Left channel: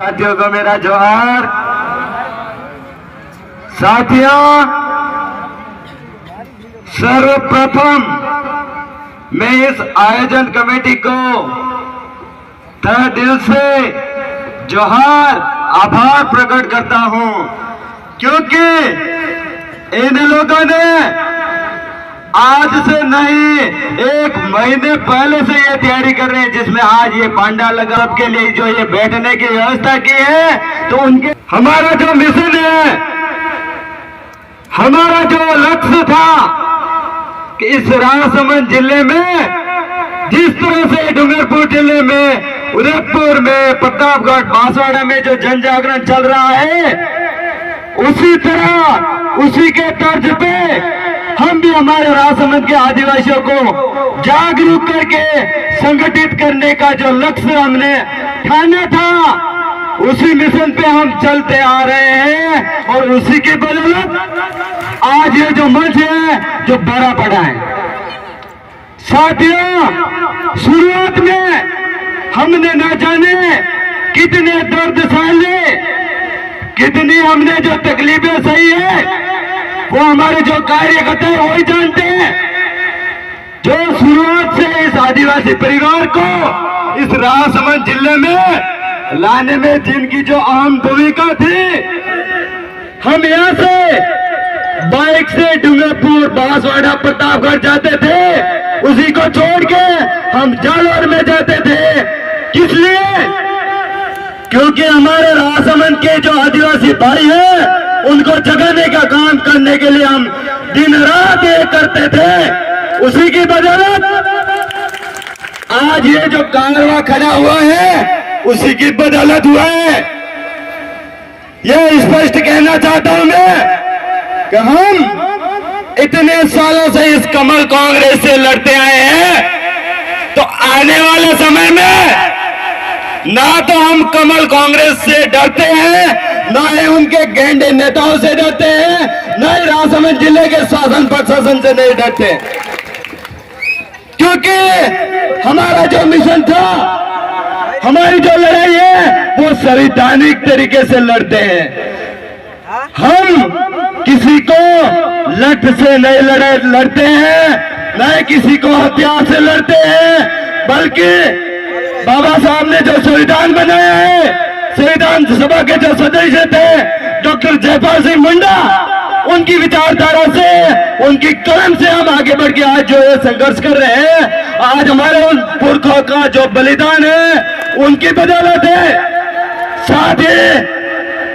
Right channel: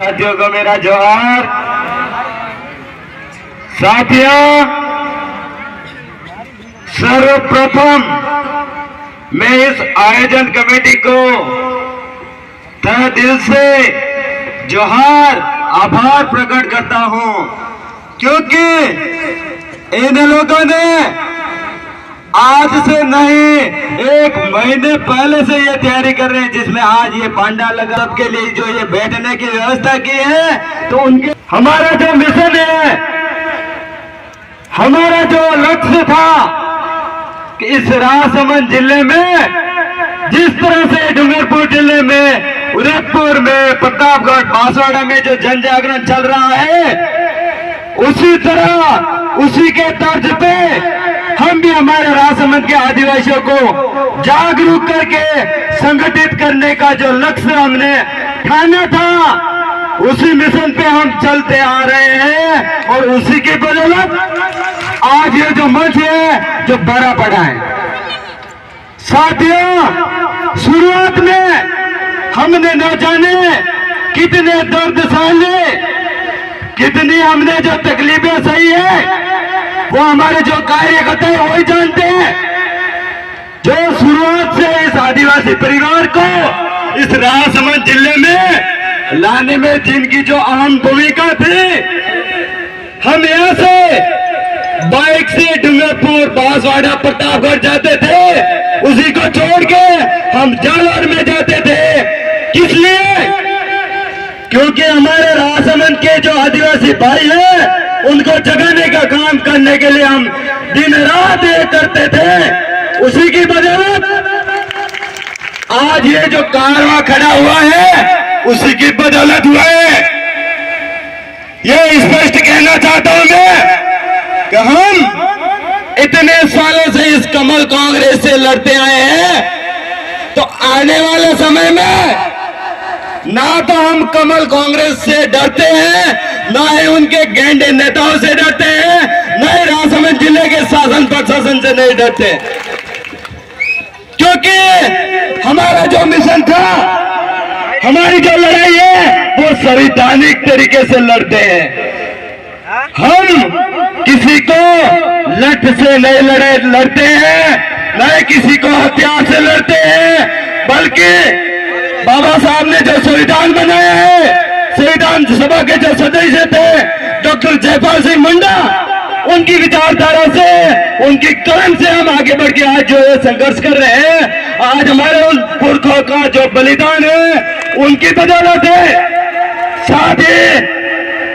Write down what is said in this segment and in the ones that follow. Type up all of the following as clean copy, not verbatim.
साथियों को मेरा जोहार। साथियों, सर्वप्रथम मैं इस आयोजन कमेटी को तहे दिल से जोहार आभार प्रकट करता हूं, क्योंकि इन लोगों ने आज से नहीं 1 महीने पहले से ये तैयारी कर रहे हैं, जिसमें आज ये पांडा लगा के लिए जो ये बैठने की व्यवस्था की है। तो उनके हमारा जो मिशन है, हमारा जो लक्ष्य था कि इस राजसमंद जिले में जिस तरह से डूंगरपुर जिले में, उदयपुर में, प्रतापगढ़, बांसवाड़ा में जो जन जागरण चल रहा है, उसी तरह उसी के तर्ज पे हम भी हमारे राजसमंद के आदिवासियों को जागरूक करके संगठित करने का जो लक्ष्य हमने ठाना था, उसी मिशन पे हम चलते आ रहे हैं। और उसी के बदौलत आज ये जो मंच है जो बड़ा पड़ा है। साथियों, शुरुआत में हमने न जाने कितने दर्द सहले, कितनी हमने जो तकलीफें सही है, वो हमारे जो कार्यकर्ता है वही जानते हैं। जो शुरुआत से इस आदिवासी परिवार को इस राजसमंद जिले में लाने में जिनकी जो अहम भूमिका थी, हम यहाँ से बाइक से डूंगरपुर, बांसवाड़ा, प्रतापगढ़ जाते थे, उसी को छोड़ के हम जालौर में जाते थे। किस लिए? क्योंकि हमारे राजसमंद के जो आदिवासी भाई हैं, उनको जगाने का काम करने के लिए हम दिन रात एक करते थे। उसी की बदौलत आज ये जो कारवां खड़ा हुआ है, उसी की बदौलत हुआ है। ये स्पष्ट कहना चाहता हूं मैं कि हम इतने सालों से इस कमल कांग्रेस से लड़ते आए हैं, तो आने वाले समय में ना तो हम कमल कांग्रेस से डरते हैं, ना ही उनके गेंडे नेताओं से डरते हैं, ना ही राजसमंद जिले के शासन प्रशासन से नहीं डरते, क्योंकि हमारा जो मिशन था, हमारी जो लड़ाई है, वो संवैधानिक तरीके से लड़ते हैं। हम किसी को लठ से नहीं लड़ते हैं, ना ही किसी को हथियार से लड़ते हैं, बल्कि बाबा साहब ने जो संविधान बनाया है, संविधान सभा के जो सदस्य थे डॉक्टर जयपाल सिंह मुंडा, उनकी विचारधारा से, उनकी कलम से हम आगे बढ़ के आज जो संघर्ष कर रहे हैं। आज हमारे उन पुरखों का जो बलिदान है, उनकी बदौलत है। साथ ही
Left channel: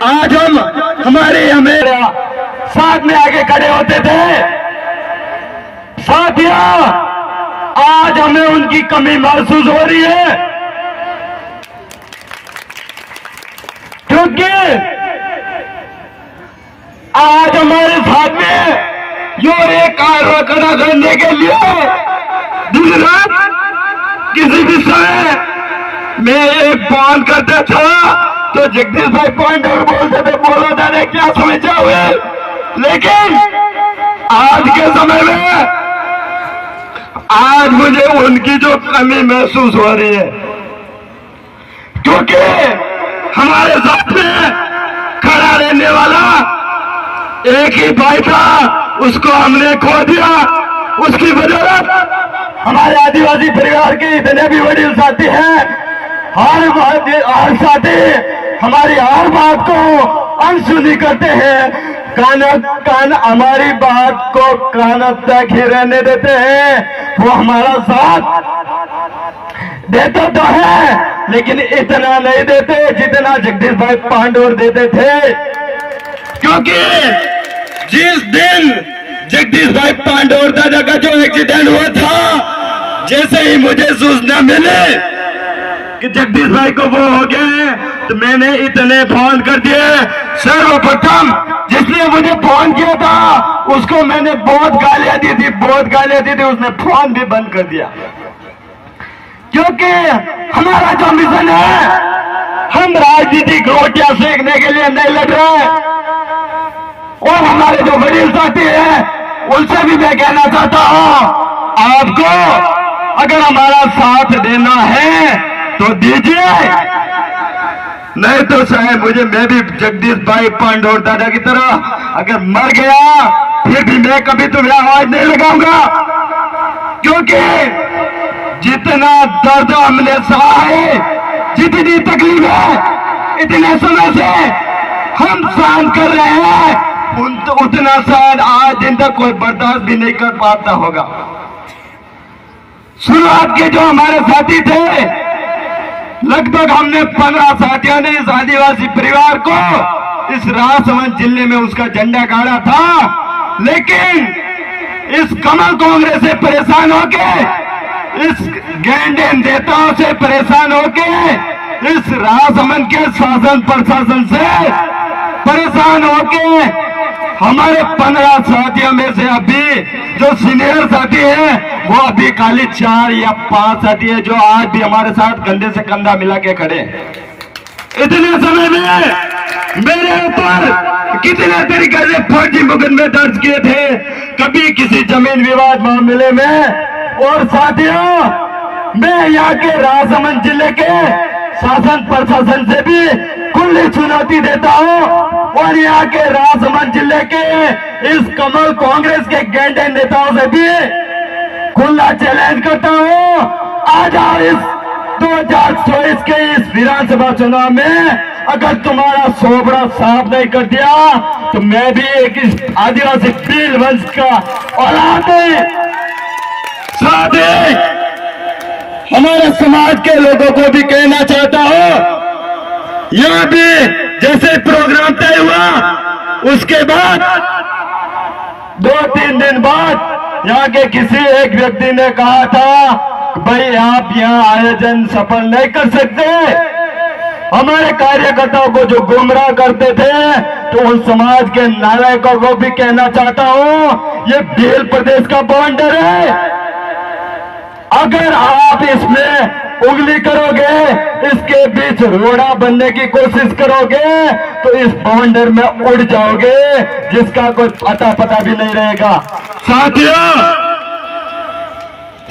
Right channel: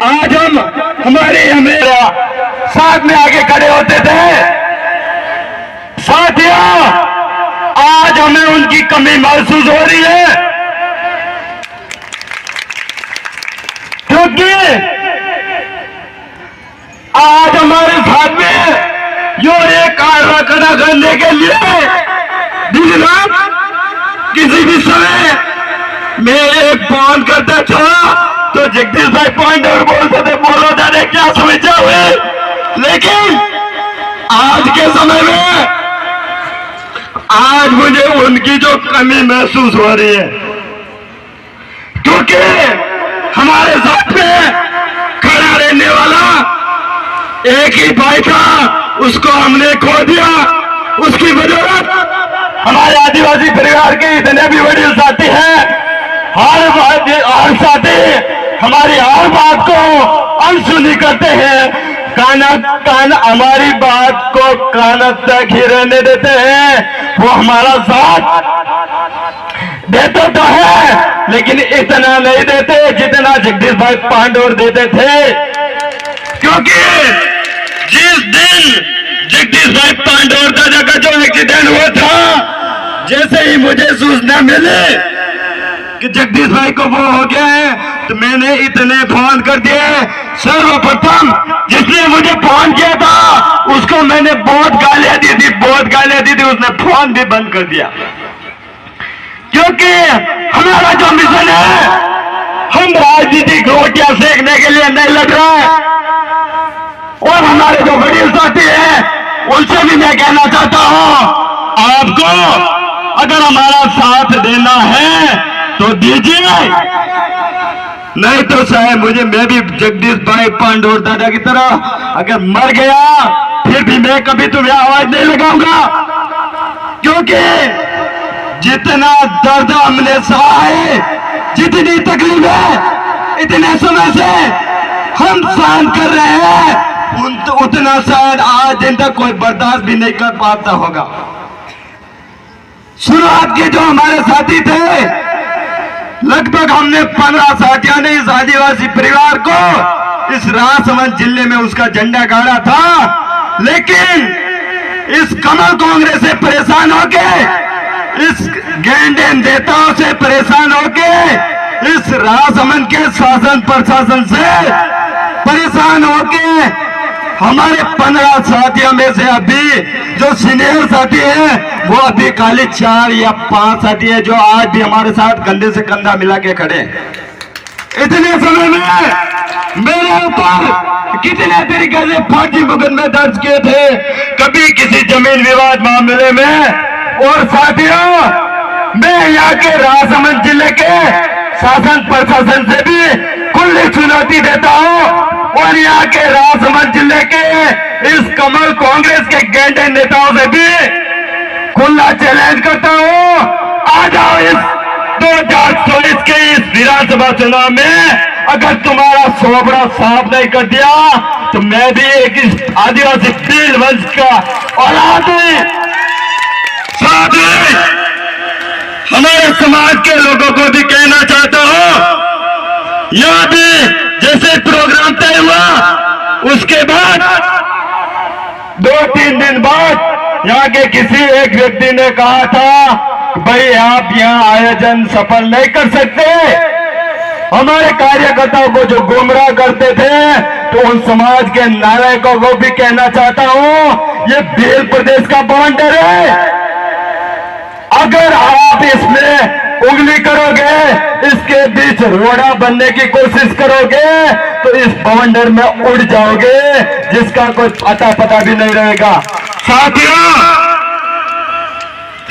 आज हम हमेरा साथ में आगे खड़े होते थे। साथियों, आज हमें उनकी कमी महसूस हो रही है, क्योंकि आज हमारे साथ में जो एक कारवां खड़ा करने के लिए दिन रात किसी भी समय मैं एक फोन करता था तो जगदीश भाई पॉइंट और बोलते थे, बोलो जाने क्या समस्या हुई। लेकिन आज के समय में आज मुझे उनकी जो कमी महसूस हो रही है, क्योंकि हमारे साथ में खड़ा रहने वाला एक ही भाई था, उसको हमने खो दिया। उसकी बदौलत हमारे आदिवासी परिवार के इतने भी बड़े साथी हैं, हर साथी हमारी हर बात को अनसुनी करते हैं, कान हमारी बात को कान तक ही रहने देते हैं। वो हमारा साथ देते तो है, लेकिन इतना नहीं देते जितना जगदीश भाई पांडोर देते थे। क्योंकि जिस दिन जगदीश भाई पांडोर दादा का जो एक्सीडेंट हुआ था, जैसे ही मुझे सूचना मिली कि जगदीश भाई को वो हो गया है, तो मैंने इतने फोन कर दिए। सर्वप्रथम जिसने मुझे फोन किया था, उसको मैंने बहुत गालियां दी थी, उसने फोन भी बंद कर दिया। क्योंकि हमारा जो मिशन है, हम राजनीतिक रोटियां सेकने के लिए नहीं लड़ रहे। और हमारे जो वडील साथी हैं, उनसे भी मैं कहना चाहता हूं, आपको अगर हमारा साथ देना है तो दीजिए, नहीं तो शायद मैं भी जगदीश भाई पांडोर दादा की तरह अगर मर गया फिर भी मैं कभी तुम्हें आवाज नहीं लगाऊंगा, क्योंकि जितना दर्द हमने सहा है, जितनी तकलीफ है इतने समय से हम सहन कर रहे हैं, उतना शायद आज दिन तक कोई बर्दाश्त भी नहीं कर पाता होगा। शुरुआत के जो हमारे साथी थे, लगभग हमने 15 साथियों ने इस आदिवासी परिवार को इस राजसमंद जिले में उसका झंडा गाड़ा था, लेकिन इस कमल कांग्रेस से परेशान होके, इस गैंडे नेताओं से परेशान होके, इस राजसमंद के शासन प्रशासन से परेशान होके हमारे 15 साथियों में से अभी जो सीनियर साथी हैं वो अभी खाली 4 या 5 साथी है जो आज भी हमारे साथ कंधे से कंधा मिला के खड़े। इतने समय में मेरे ऊपर कितने तरीके से फर्जी मुकदमे दर्ज किए थे, कभी किसी जमीन विवाद मामले में। और साथियों, मैं यहाँ के राजसमंद जिले के शासन प्रशासन से भी खुली चुनौती देता हूँ और यहाँ के राजसमंद जिले के इस कमल कांग्रेस के गैंडे नेताओं से भी खुला चैलेंज करता हूँ, आ जाओ इस 2024 के इस विधानसभा चुनाव में अगर तुम्हारा सोबड़ा साफ नहीं कर दिया तो मैं भी एक इस आदिवासी भील वंश का औलाद साथ हमारे समाज के लोगों को भी कहना चाहता हूँ, यहाँ भी जैसे प्रोग्राम तय हुआ उसके बाद 2-3 दिन बाद यहाँ के किसी एक व्यक्ति ने कहा था भाई आप यहाँ आयोजन सफल नहीं कर सकते। हमारे कार्यकर्ताओं को जो गुमराह करते थे, तो उन समाज के नालायकों को भी कहना चाहता हूँ, ये भील प्रदेश का बाउंडर है। अगर आप इसमें उंगली करोगे, इसके बीच रोड़ा बनने की कोशिश करोगे तो इस बाउंडर में उड़ जाओगे, जिसका कोई पता भी नहीं रहेगा। साथियों,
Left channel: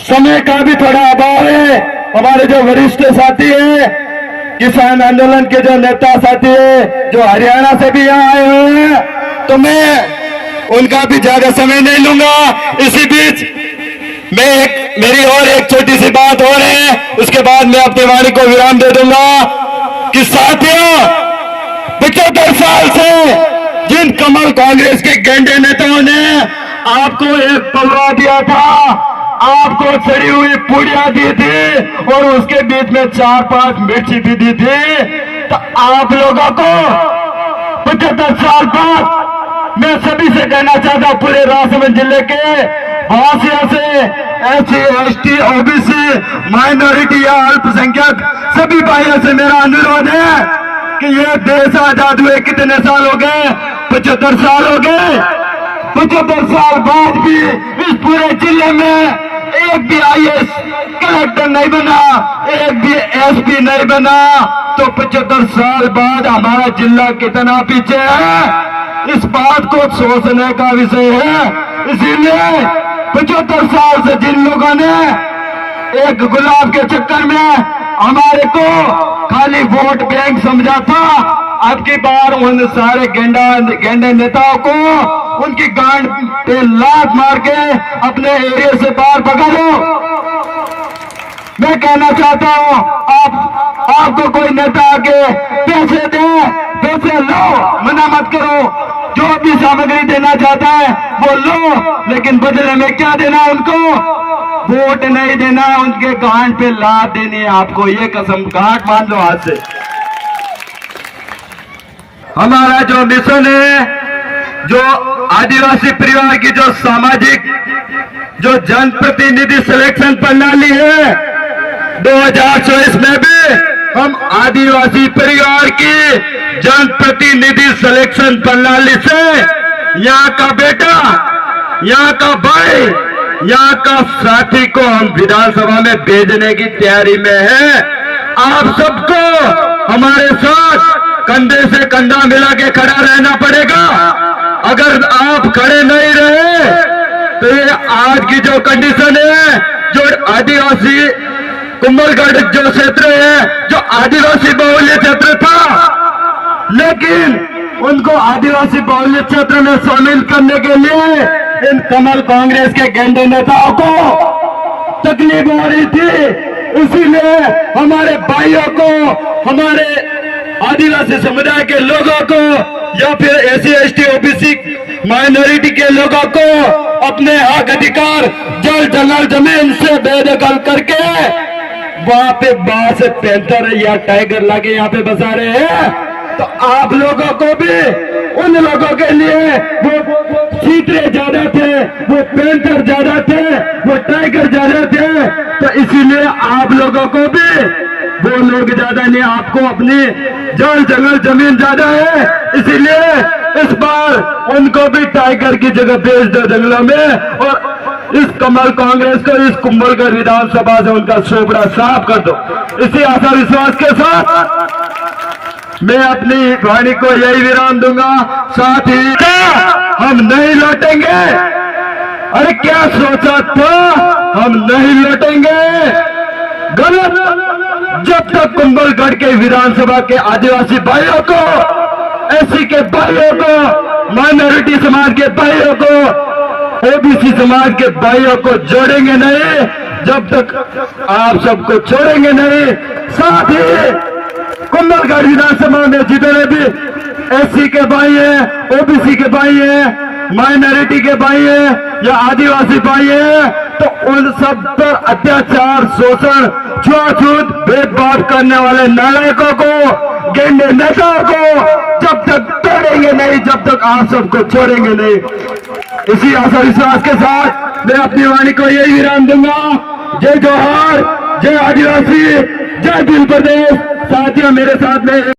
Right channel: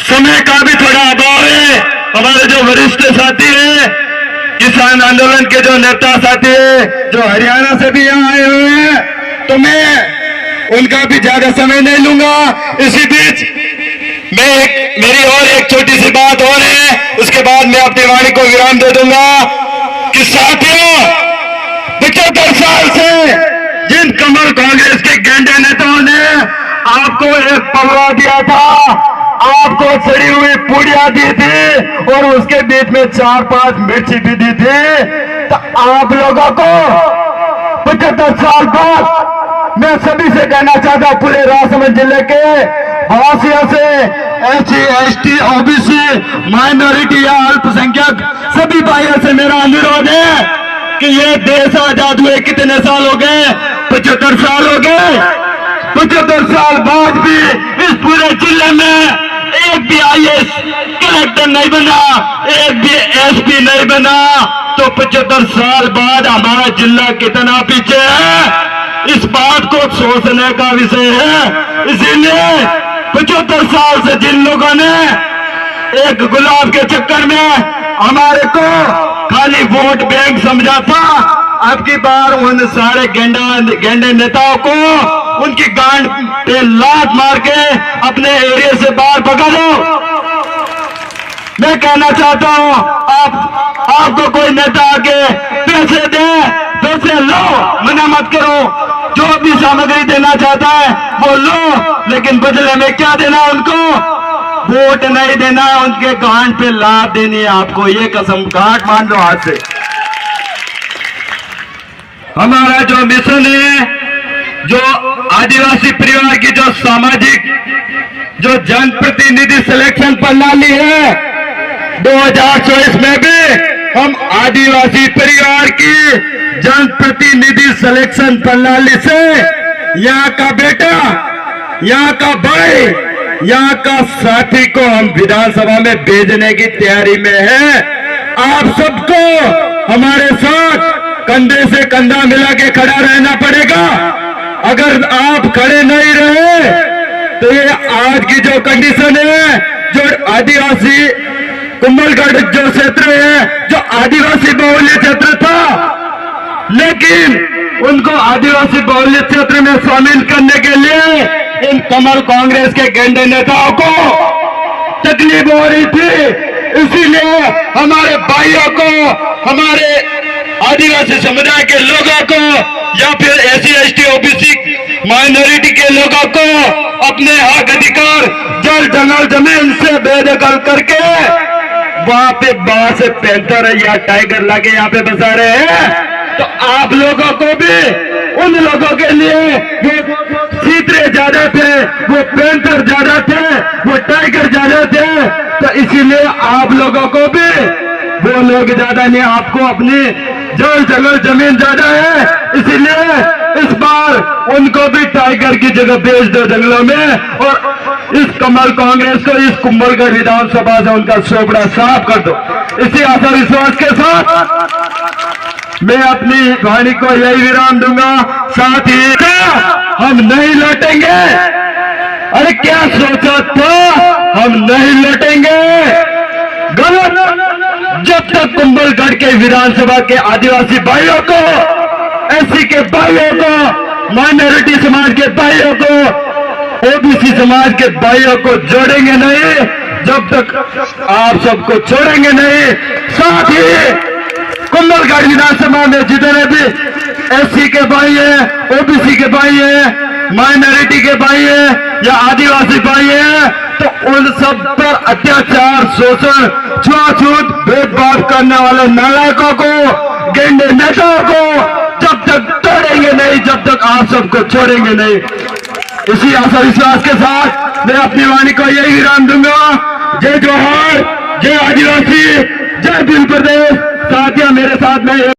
समय का भी थोड़ा अभाव है। हमारे जो वरिष्ठ साथी हैं, किसान आंदोलन के जो नेता साथी हैं, जो हरियाणा से भी यहाँ आए हुए हैं, तो मैं उनका भी ज्यादा समय नहीं लूंगा। इसी बीच मेरी और एक छोटी सी बात और है, उसके बाद मैं अपनी वाणी को विराम दे दूंगा कि साथियों, 75 साल से जिन कमल कांग्रेस के गैंडे नेताओं ने आपको एक पलवा दिया था, आपको सड़ी हुई पूड़ियां दी थी और उसके बीच में 4-5 मिर्ची भी दी थी, तो आप लोगों को 75 साल बाद मैं सभी से कहना चाहता हूं, पूरे राजसमंद जिले के वासियों से, SC, ST, OBC, माइनॉरिटी या अल्पसंख्यक सभी भाइयों से मेरा अनुरोध है कि ये देश आजाद हुए कितने साल हो गए? 75 साल हो गए। 75 साल बाद भी इस पूरे जिले में एक भी IAS कलेक्टर नहीं बना, एक भी SP नहीं बना, तो 75 साल बाद हमारा जिला कितना पीछे है, इस बात को सोचने का विषय है। इसीलिए 75 साल से जिन लोगों ने एक गुलाब के चक्कर में हमारे को खाली वोट बैंक समझा था, अब की बार उन सारे गेंडे नेताओं को उनकी गांड पे लात मार के अपने एरिया से बाहर भगा दो। मैं कहना चाहता हूं, आपको कोई नेता आके पैसे दे, पैसे लो, मना मत करो। जो भी सामग्री देना चाहता है वो लो, लेकिन बदले में क्या देना उनको? वोट नहीं देना, उनके गांड पे लात देनी है आपको, ये कसम काट मान लो आज से। हमारा जो मिशन है, जो आदिवासी परिवार की जो सामाजिक जो जनप्रतिनिधि सिलेक्शन प्रणाली है, 2024 में भी हम आदिवासी परिवार की जनप्रतिनिधि सिलेक्शन प्रणाली से यहाँ का बेटा, यहाँ का भाई, यहाँ का साथी को हम विधानसभा में भेजने की तैयारी में है। आप सबको हमारे साथ कंधे से कंधा मिला के खड़ा रहना पड़ेगा। अगर आप खड़े नहीं रहे तो ये आज की जो कंडीशन है, जो आदिवासी कुंभलगढ़ जो क्षेत्र है जो आदिवासी बहुल्य क्षेत्र था, लेकिन उनको आदिवासी बहुल्य क्षेत्र में शामिल करने के लिए इन कमल कांग्रेस के गैंडे नेताओं को तकलीफ हो रही थी। इसीलिए हमारे भाइयों को, हमारे आदिवासी समुदाय के लोगों को या फिर एससी एसटी ओबीसी माइनॉरिटी के लोगों को अपने हक अधिकार जल जंगल जमीन से बेदखल करके वहां पे बाहर से पैंथर या टाइगर लाके यहाँ पे बसा रहे हैं। तो आप लोगों को भी उन लोगों के लिए वो चीते ज्यादा थे, वो पैंथर ज्यादा थे, वो टाइगर ज्यादा थे, तो इसीलिए आप लोगों को भी वो लोग ज्यादा नहीं, आपको अपनी जल जंगल जमीन ज्यादा है। इसीलिए इस बार उनको भी टाइगर की जगह भेज दो जंगलों में, और इस कमल कांग्रेस को इस कुंभलगढ़ विधानसभा से उनका चोपड़ा साफ कर दो। इसी आशा विश्वास के साथ मैं अपनी वाणी को यही विराम दूंगा। साथ ही क्या हम नहीं लौटेंगे? अरे क्या सोचा था, हम नहीं लौटेंगे? गलत। जब तक कुंभलगढ़ के विधानसभा के आदिवासी भाइयों को, एससी के भाइयों को, माइनॉरिटी समाज के भाइयों को, ओबीसी समाज के भाइयों को जोड़ेंगे नहीं, जब तक आप सबको छोड़ेंगे नहीं। साथ ही कुंभलगढ़ विधानसभा में जितने भी एससी के भाई हैं, ओबीसी के भाई हैं, माइनॉरिटी के भाई हैं या आदिवासी भाई हैं, तो उन सब पर अत्याचार, शोषण, छुआछूत, भेदभाव करने वाले नालायकों को, गेंडे नेताओं को जब तक तोड़ेंगे नहीं, जब तक आप सबको छोड़ेंगे नहीं। इसी आशा विश्वास के साथ मैं अपनी वाणी को यही विराम दूंगा। जय जोहार, जय आदिवासी, जय भील प्रदेश। साथियों, मेरे साथ में